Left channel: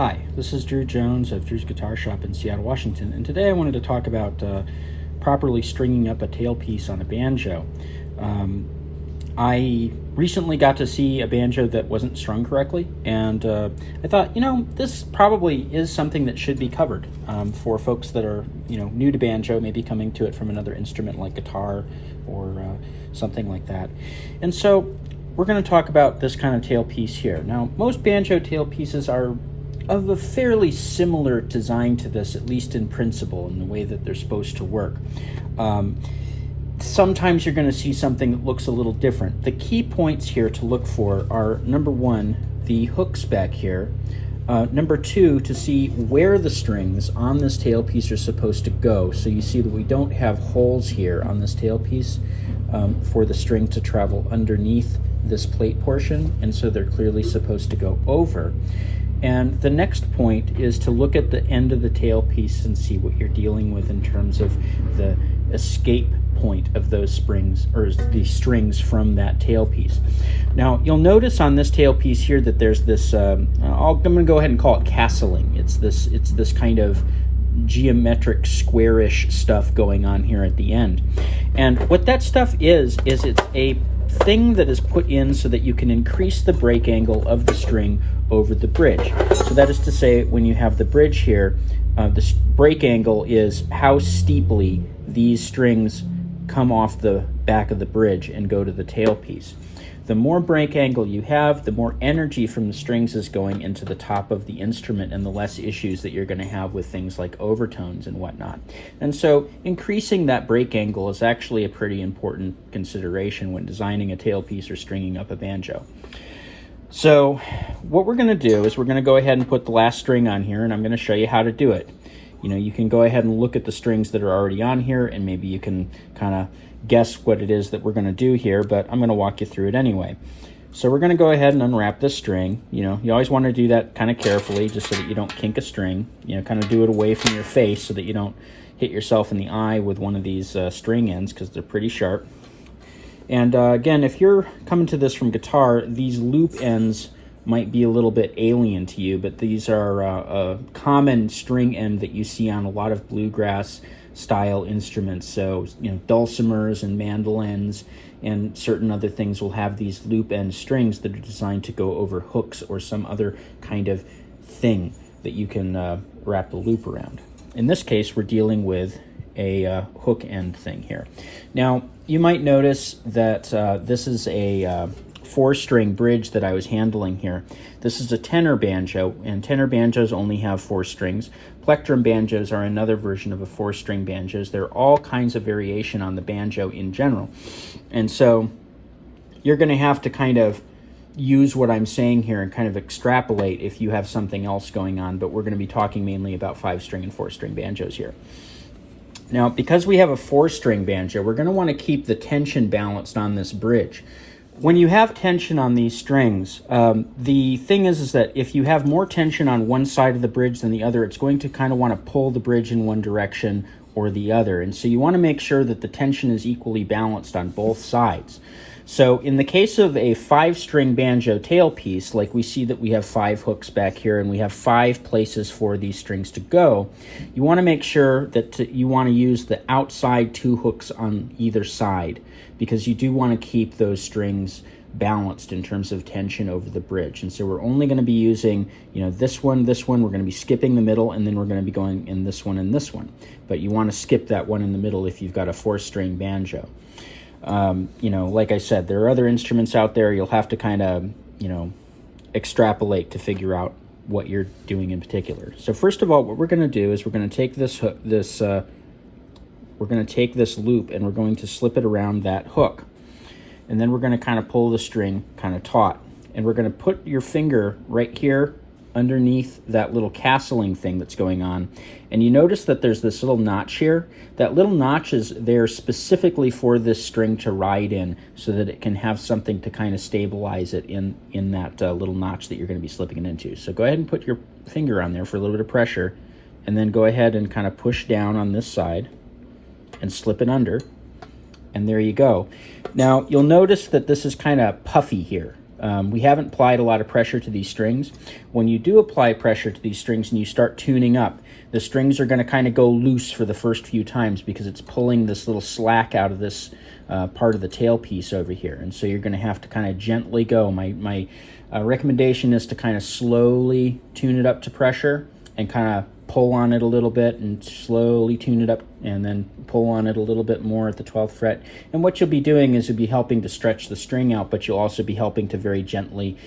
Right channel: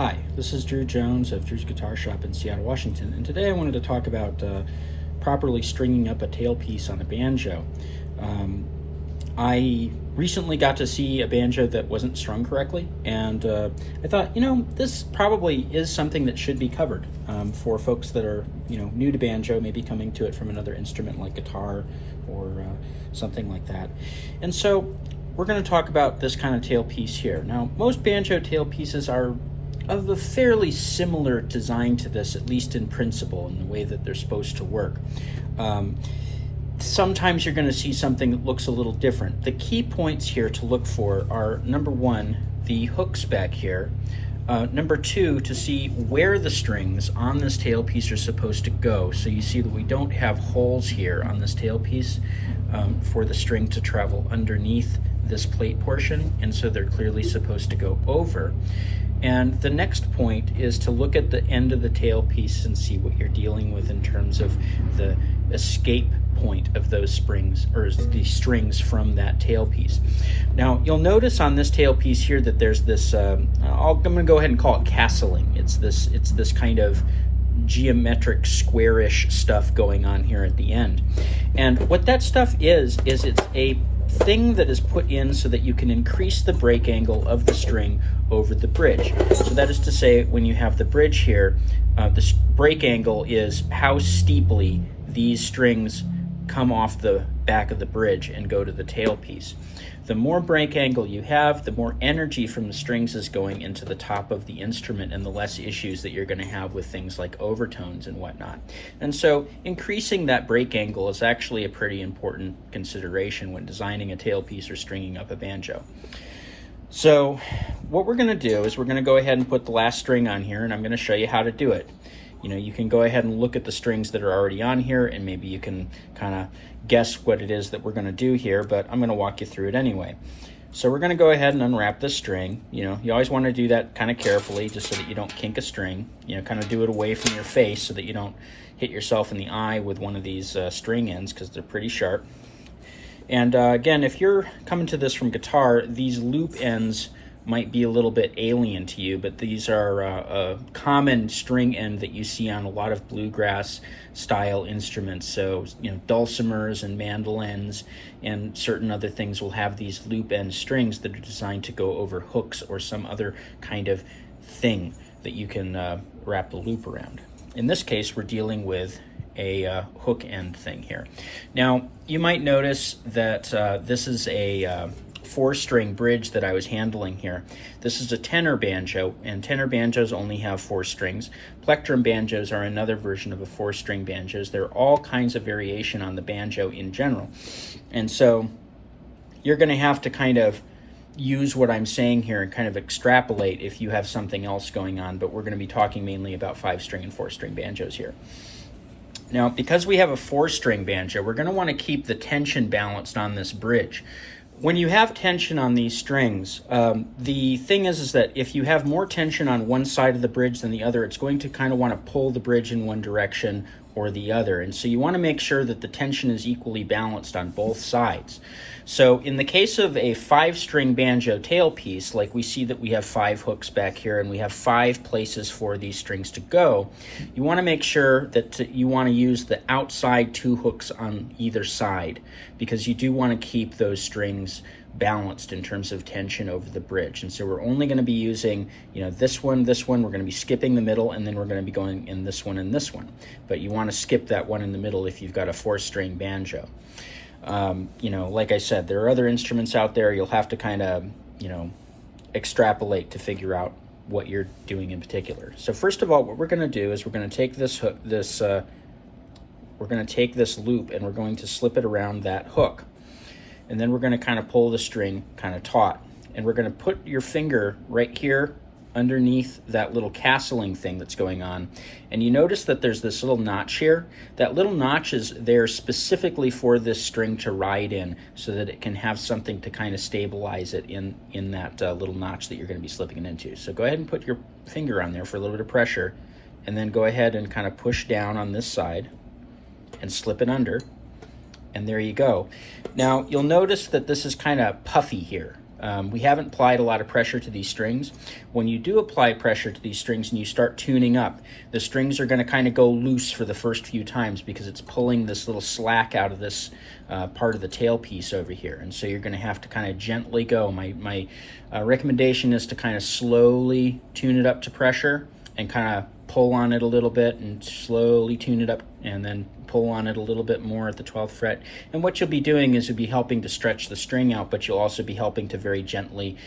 Hi, this is Drew Jones of Drew's Guitar Shop in Seattle, Washington, and today I wanted to talk about properly stringing up a tailpiece on a banjo. I recently got to see a banjo that wasn't strung correctly, and I thought, this probably is something that should be covered for folks that are, new to banjo, maybe coming to it from another instrument like guitar or something like that. And so we're going to talk about this kind of tailpiece here. Now, most banjo tailpieces are of a fairly similar design to this, at least in principle, in the way that they're supposed to work. Sometimes you're going to see something that looks a little different. The key points here to look for are, number one, the hooks back here. Number two, to see where the strings on this tailpiece are supposed to go. So you see that we don't have holes here on this tailpiece for the string to travel underneath this plate portion, and so they're clearly supposed to go over. And the next point is to look at the end of the tailpiece and see what you're dealing with in terms of the escape point of those springs, or the strings from that tailpiece. Now, you'll notice on this tailpiece here that there's this, I'm going to go ahead and call it castling. It's this kind of geometric squarish stuff going on here at the end. And what that stuff is it's a thing that is put in so that you can increase the break angle of the string over the bridge. So that is to say, when you have the bridge here, the break angle is how steeply these strings come off the back of the bridge and go to the tailpiece. The more break angle you have, the more energy from the strings is going into the top of the instrument, and the less issues that you're going to have with things like overtones and whatnot. And so increasing that break angle is actually a pretty important consideration when designing a tailpiece or stringing up a banjo. So what we're going to do is we're going to go ahead and put the last string on here, and I'm going to show you how to do it. You can go ahead and look at the strings that are already on here, and maybe you can kind of guess what it is that we're going to do here, but I'm going to walk you through it anyway. So we're going to go ahead and unwrap this string. You always want to do that kind of carefully, just so that you don't kink a string. Kind of do it away from your face so that you don't hit yourself in the eye with one of these string ends, because they're pretty sharp. And again, if you're coming to this from guitar, these loop ends might be a little bit alien to you, but these are a common string end that you see on a lot of bluegrass style instruments. So, dulcimers and mandolins and certain other things will have these loop end strings that are designed to go over hooks or some other kind of thing that you can wrap the loop around. In this case, we're dealing with a hook end thing here. Now, you might notice that this is a 4-string bridge that I was handling here. This is a tenor banjo, and tenor banjos only have 4 strings. Plectrum banjos are another version of a 4-string banjos. There are all kinds of variation on the banjo in general. And so you're going to have to kind of use what I'm saying here and kind of extrapolate if you have something else going on, but we're going to be talking mainly about 5-string and 4-string banjos here. Now, because we have a 4-string banjo, we're going to want to keep the tension balanced on this bridge. When you have tension on these strings, the thing is that if you have more tension on one side of the bridge than the other, it's going to kind of want to pull the bridge in one direction or the other. And so you want to make sure that the tension is equally balanced on both sides. So in the case of a 5-string banjo tailpiece, like we see that we have 5 hooks back here and we have 5 places for these strings to go, you want to make sure that you want to use the outside 2 hooks on either side, because you do want to keep those strings balanced in terms of tension over the bridge. And so we're only going to be using, this one, we're going to be skipping the middle, and then we're going to be going in this one and this one. But you want to skip that one in the middle if you've got a 4-string banjo. Like I said, there are other instruments out there. You'll have to kind of, extrapolate to figure out what you're doing in particular. So first of all, what we're going to do is we're going to take we're going to take this loop and we're going to slip it around that hook. And then we're going to kind of pull the string kind of taut. And we're going to put your finger right here underneath that little castling thing that's going on. And you notice that there's this little notch here. That little notch is there specifically for this string to ride in, so that it can have something to kind of stabilize it in that little notch that you're going to be slipping it into. So go ahead and put your finger on there for a little bit of pressure, and then go ahead and kind of push down on this side and slip it under. And there you go. Now, you'll notice that this is kind of puffy here. We haven't applied a lot of pressure to these strings. When you do apply pressure to these strings and you start tuning up, the strings are going to kind of go loose for the first few times because it's pulling this little slack out of this part of the tailpiece over here. And so you're going to have to kind of gently go. My recommendation is to kind of slowly tune it up to pressure and kind of pull on it a little bit and slowly tune it up and then pull on it a little bit more at the 12th fret. And what you'll be doing is you'll be helping to stretch the string out, but you'll also be helping to very gently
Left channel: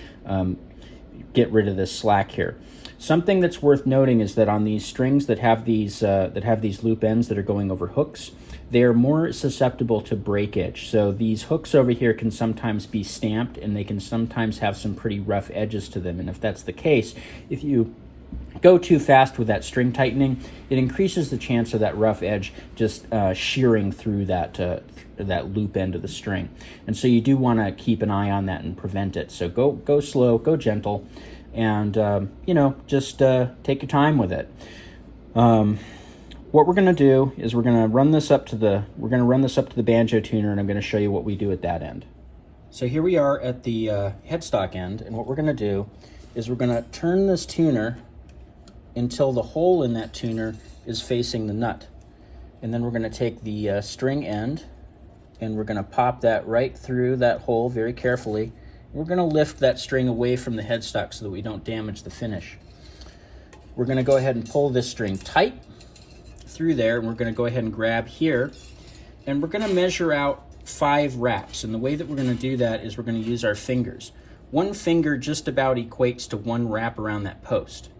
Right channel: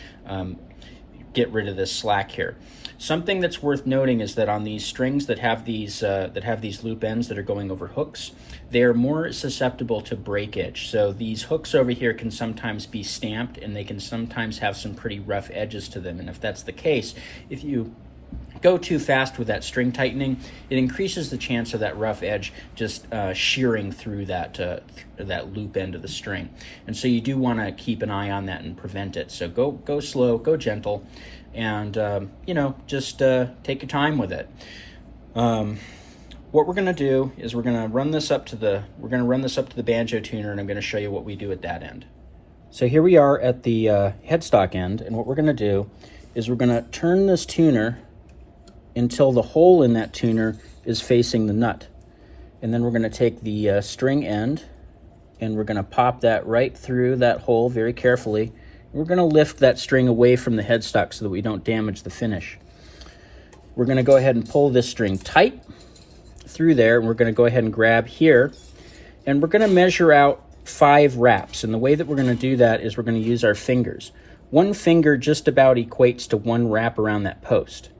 get rid of this slack here. Something that's worth noting is that on these strings that have these loop ends that are going over hooks, they are more susceptible to breakage. So these hooks over here can sometimes be stamped and they can sometimes have some pretty rough edges to them. And if that's the case, if you go too fast with that string tightening, it increases the chance of that rough edge just shearing through that loop end of the string. And so you do want to keep an eye on that and prevent it. So go slow, go gentle, and just take your time with it. What we're going to do is we're going to run this up to the banjo tuner, and I'm going to show you what we do at that end. So here we are at the headstock end, and what we're going to do is we're going to turn this tuner until the hole in that tuner is facing the nut. And then we're going to take the string end and we're going to pop that right through that hole very carefully. We're going to lift that string away from the headstock so that we don't damage the finish. We're going to go ahead and pull this string tight through there, and we're going to go ahead and grab here, and we're going to measure out 5 wraps. And the way that we're going to do that is we're going to use our fingers. One finger just about equates to 1 wrap around that post.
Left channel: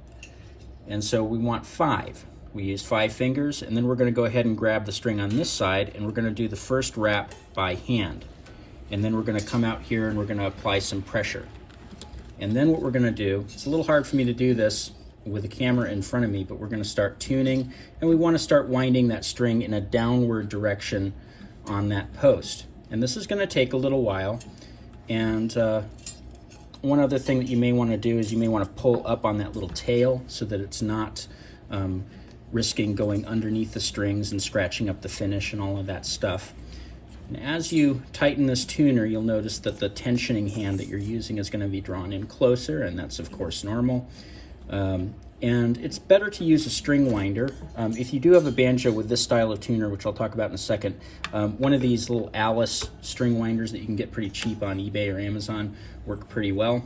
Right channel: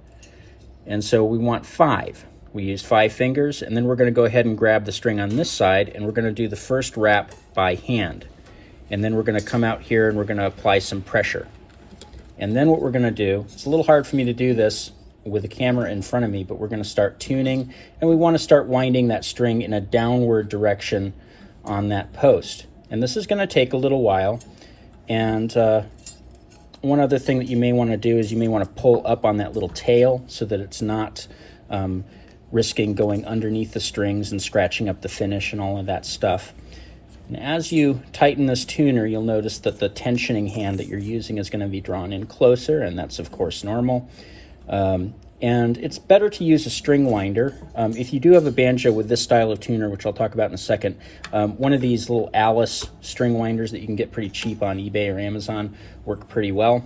And so we want 5. We use 5 fingers, and then we're going to go ahead and grab the string on this side, and we're going to do the first wrap by hand. And then we're going to come out here and we're going to apply some pressure. And then what we're going to do, it's a little hard for me to do this with the camera in front of me, but we're going to start tuning, and we want to start winding that string in a downward direction on that post. And this is going to take a little while. And one other thing that you may want to do is you may want to pull up on that little tail so that it's not risking going underneath the strings and scratching up the finish and all of that stuff. And as you tighten this tuner, you'll notice that the tensioning hand that you're using is going to be drawn in closer, and that's of course normal. And it's better to use a string winder. If you do have a banjo with this style of tuner, which I'll talk about in a second, one of these little Alice string winders that you can get pretty cheap on eBay or Amazon work pretty well.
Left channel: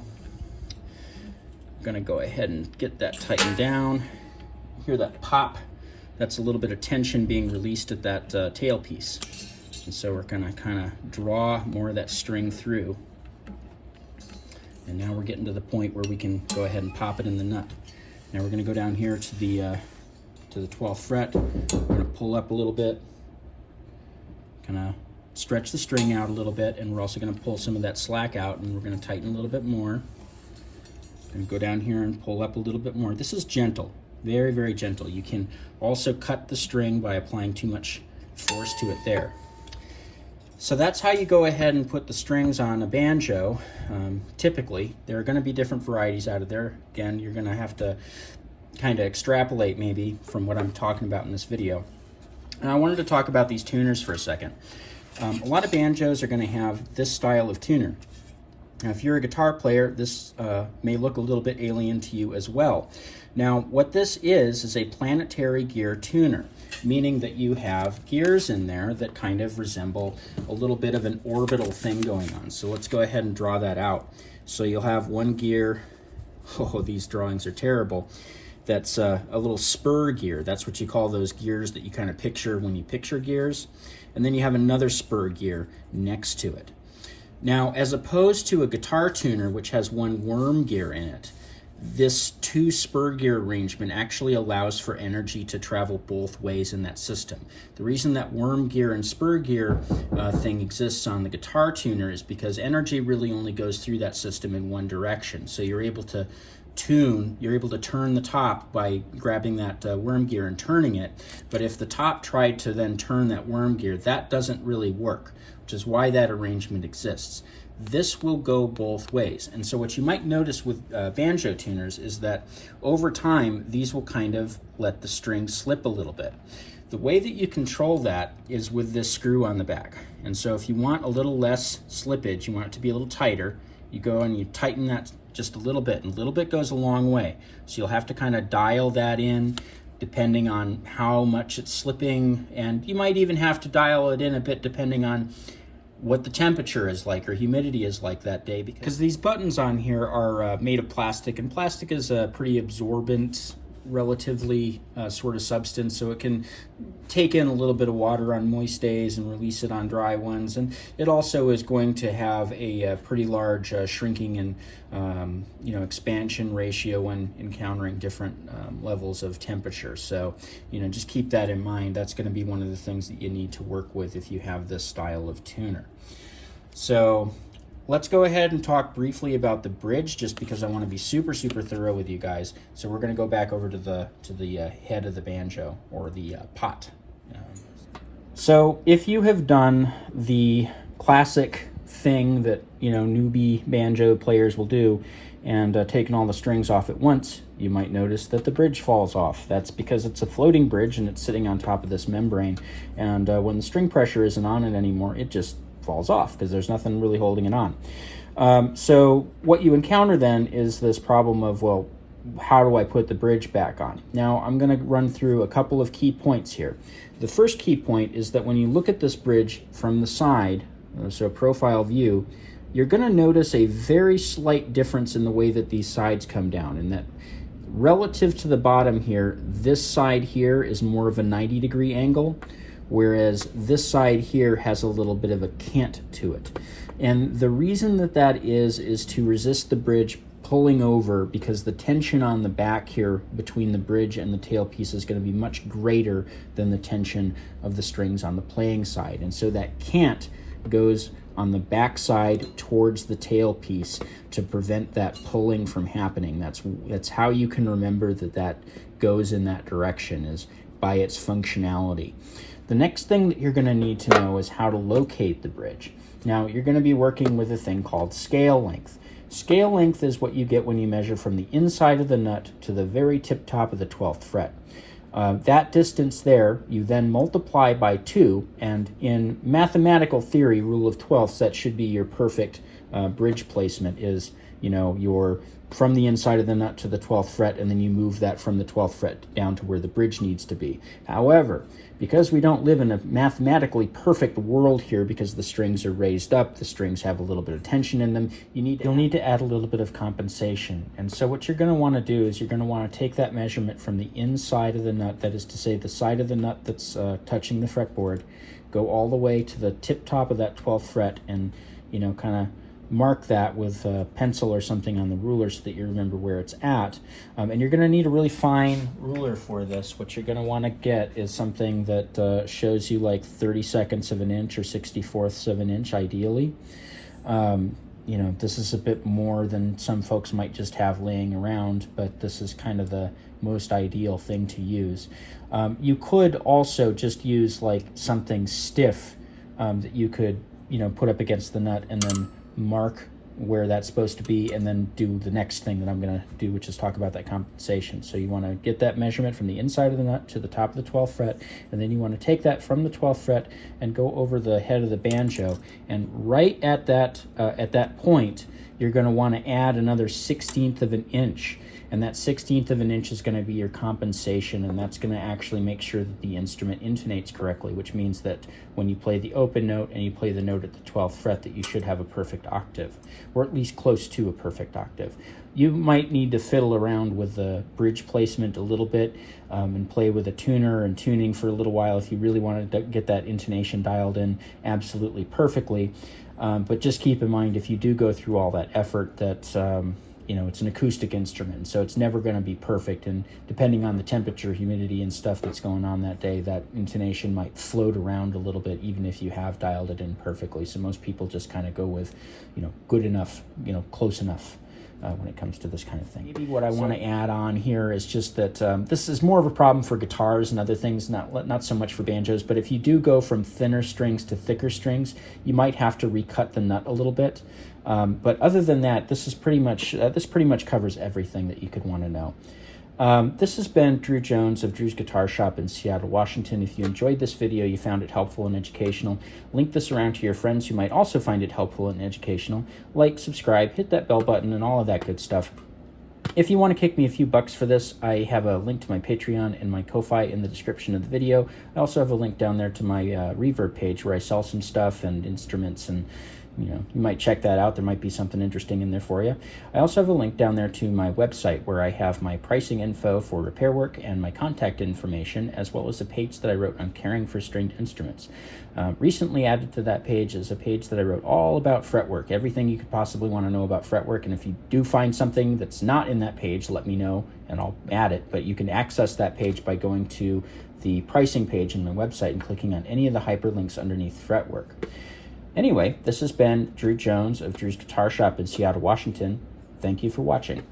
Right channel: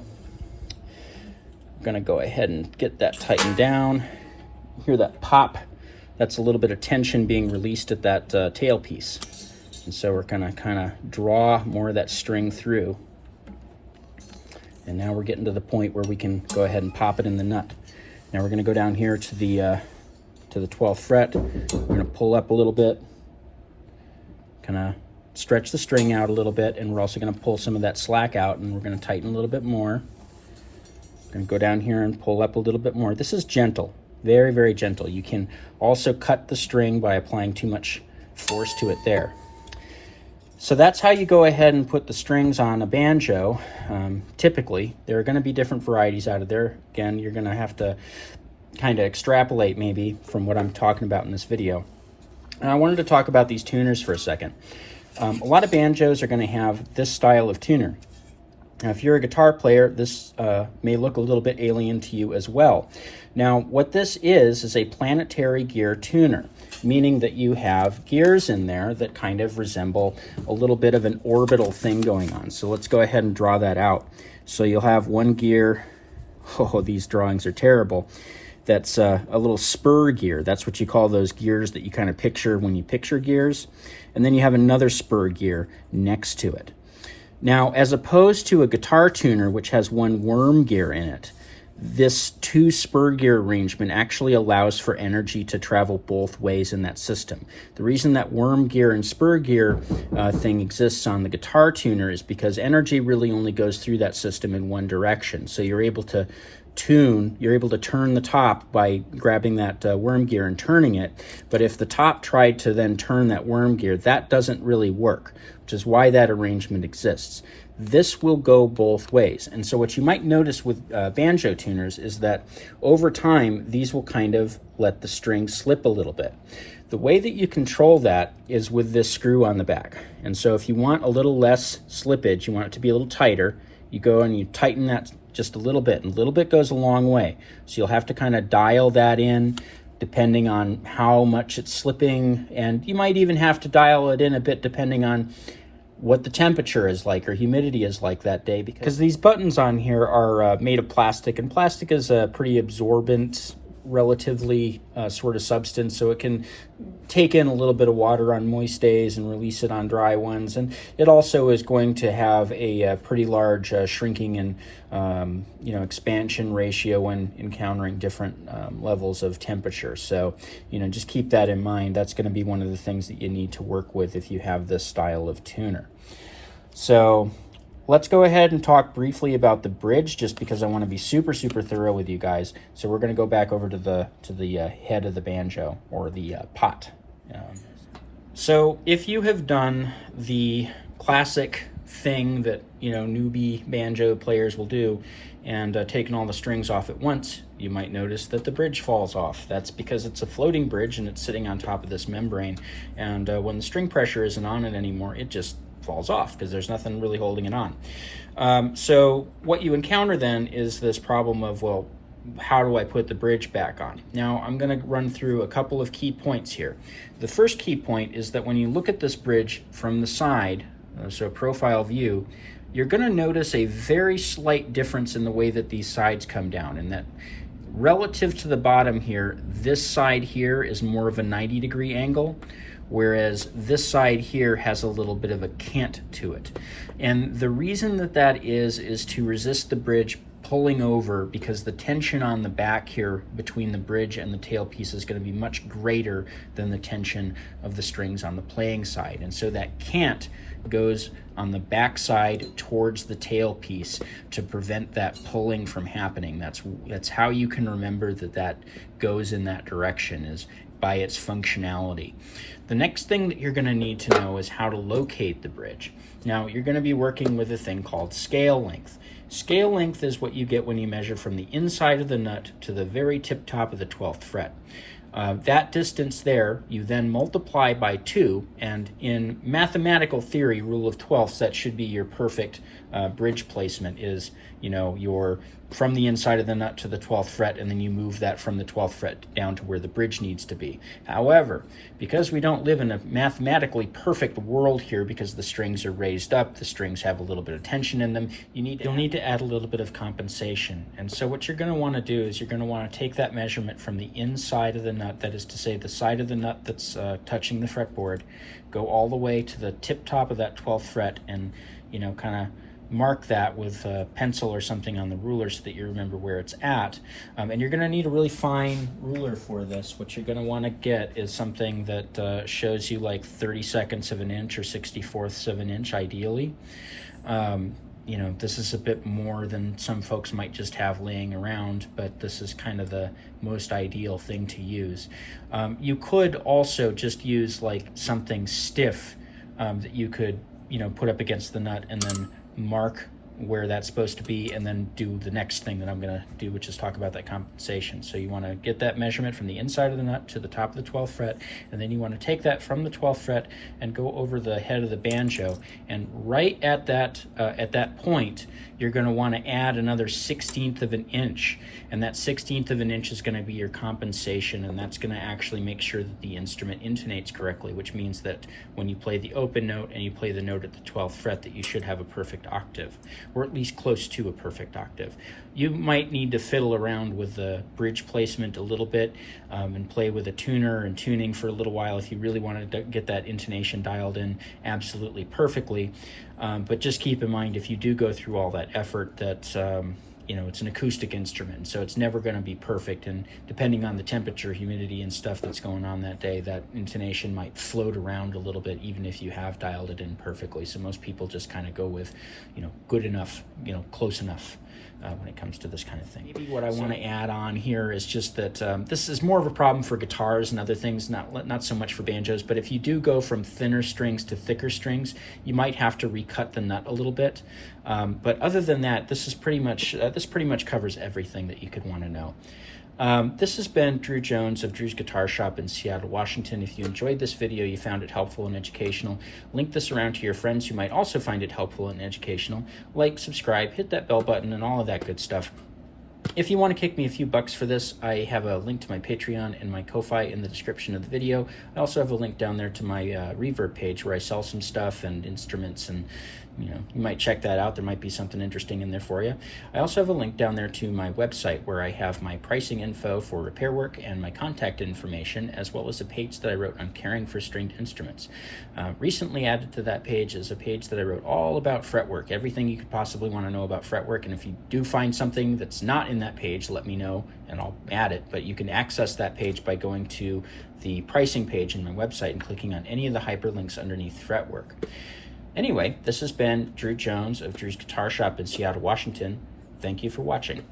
I'm going to go ahead and get that tightened down. Hear that pop? That's a little bit of tension being released at that tailpiece. And so we're going to kind of draw more of that string through. And now we're getting to the point where we can go ahead and pop it in the nut. Now we're going to go down here to the 12th fret. We're going to pull up a little bit, kind of stretch the string out a little bit, and we're also going to pull some of that slack out, and we're going to tighten a little bit more. We're going to go down here and pull up a little bit more. This is gentle, very, very gentle. You can also cut the string by applying too much force to it there. So that's how you go ahead and put the strings on a banjo. Typically, there are going to be different varieties out of there. Again, you're going to have to kind of extrapolate maybe from what I'm talking about in this video. And I wanted to talk about these tuners for a second. A lot of banjos are going to have this style of tuner. Now, if you're a guitar player, this may look a little bit alien to you as well. Now, what this is a planetary gear tuner, meaning that you have gears in there that kind of resemble a little bit of an orbital thing going on. So let's go ahead and draw that out. So you'll have one gear, oh, these drawings are terrible, that's a little spur gear. That's what you call those gears that you kind of picture when you picture gears. And then you have another spur gear next to it. Now, as opposed to a guitar tuner, which has one worm gear in it, this 2 spur gear arrangement actually allows for energy to travel both ways in that system. The reason that worm gear and spur gear thing exists on the guitar tuner is because energy really only goes through that system in one direction. So you're able to turn the top by grabbing that worm gear and turning it. But if the top tried to then turn that worm gear, that doesn't really work, which is why that arrangement exists. This will go both ways. And so what you might notice with banjo tuners is that over time, these will kind of let the string slip a little bit. The way that you control that is with this screw on the back. And so if you want a little less slippage, you want it to be a little tighter, you go and you tighten that just a little bit, and a little bit goes a long way. So you'll have to kind of dial that in depending on how much it's slipping, and you might even have to dial it in a bit depending on what the temperature is like or humidity is like that day, because these buttons on here are made of plastic, and plastic is a pretty absorbent, relatively sort of substance, so it can take in a little bit of water on moist days and release it on dry ones. And it also is going to have a pretty large shrinking and expansion ratio when encountering different levels of temperature. So just keep that in mind. That's going to be one of the things that you need to work with if you have this style of tuner. So let's go ahead and talk briefly about the bridge, just because I want to be super thorough with you guys. So we're going to go back over to the head of the banjo, or the pot. So if you have done the classic thing that newbie banjo players will do, and taken all the strings off at once, you might notice that the bridge falls off. That's because it's a floating bridge and it's sitting on top of this membrane, and when the string pressure isn't on it anymore, it just falls off because there's nothing really holding it on. So what you encounter then is this problem of, well, how do I put the bridge back on? Now I'm going to run through a couple of key points here. The first key point is that when you look at this bridge from the side, so profile view, you're going to notice a very slight difference in the way that these sides come down, and that relative to the bottom here, this side here is more of a 90-degree angle, whereas this side here has a little bit of a cant to it. And the reason that is to resist the bridge pulling over, because the tension on the back here between the bridge and the tailpiece is going to be much greater than the tension of the strings on the playing side. And so that cant goes on the back side towards the tailpiece to prevent that pulling from happening. That's how you can remember that goes in that direction, is by its functionality. The next thing that you're going to need to know is how to locate the bridge. Now, you're going to be working with a thing called scale length. Scale length is what you get when you measure from the inside of the nut to the very tip top of the 12th fret. That distance there, you then multiply by 2, and in mathematical theory, rule of 12ths, that should be your perfect bridge placement, is your from the inside of the nut to the 12th fret, and then you move that from the 12th fret down to where the bridge needs to be. However, because we don't live in a mathematically perfect world here, because the strings are raised up, the strings have a little bit of tension in them, you'll need to add a little bit of compensation. And so what you're going to want to do is you're going to want to take that measurement from the inside of the nut, that is to say the side of the nut that's touching the fretboard, go all the way to the tip top of that 12th fret, and kind of mark that with a pencil or something on the ruler so that you remember where it's at. And you're going to need a really fine ruler for this. What you're going to want to get is something that shows you like 32nds of an inch or 64ths of an inch, ideally. This is a bit more than some folks might just have laying around, but this is kind of the most ideal thing to use. You could also just use like something stiff that you could put up against the nut, and then mark where that's supposed to be, and then do the next thing that I'm going to do, which is talk about that compensation. So you want to get that measurement from the inside of the nut to the top of the 12th fret, and then you want to take that from the 12th fret and go over the head of the banjo, and right at that point you're going to want to add another 1/16 of an inch, and that 1/16 of an inch is going to be your compensation, and that's going to actually make sure that the instrument intonates correctly, which means that when you play the open note and you play the note at the 12th fret, that you should have a perfect octave, or at least close to a perfect octave. You might need to fiddle around with the bridge placement a little bit and play with a tuner and tuning for a little while if you really wanted to get that intonation dialed in absolutely perfectly. But just keep in mind, if you do go through all that effort, that it's an acoustic instrument, so it's never going to be perfect, and depending on the temperature, humidity, and stuff that's going on that day, that intonation might float around a little bit, even if you have dialed it in perfectly. So most people just kind of go with, good enough, close enough when it comes to this kind of thing. Maybe what I want to add on here is just that this is more of a problem for guitars and other things, not so much for banjos, but if you do go from thinner strings to thicker strings, you might have to recut the nut a little bit. But other than that, this pretty much covers everything that you could want to know. This has been Drew Jones of Drew's Guitar Shop in Seattle, Washington. If you enjoyed this video, you found it helpful and educational, link this around to your friends who might also find it helpful and educational. Like, subscribe, hit that bell button, and all of that good stuff. If you want to kick me a few bucks for this, I have a link to my Patreon and my Ko-Fi in the description of the video. I also have a link down there to my Reverb page where I sell some stuff and instruments, and you might check that out. There might be something interesting in there for you. I also have a link down there to my website where I have my pricing info for repair work and my contact information, as well as a page that I wrote on caring for stringed instruments. Recently added to that page is a page that I wrote all about fretwork, everything you could possibly want to know about fretwork. And if you do find something that's not in that page, let me know and I'll add it. But you can access that page by going to the pricing page in my website and clicking on any of the hyperlinks underneath fretwork. Anyway, this has been Drew Jones of Drew's Guitar Shop in Seattle, Washington. Thank you for watching.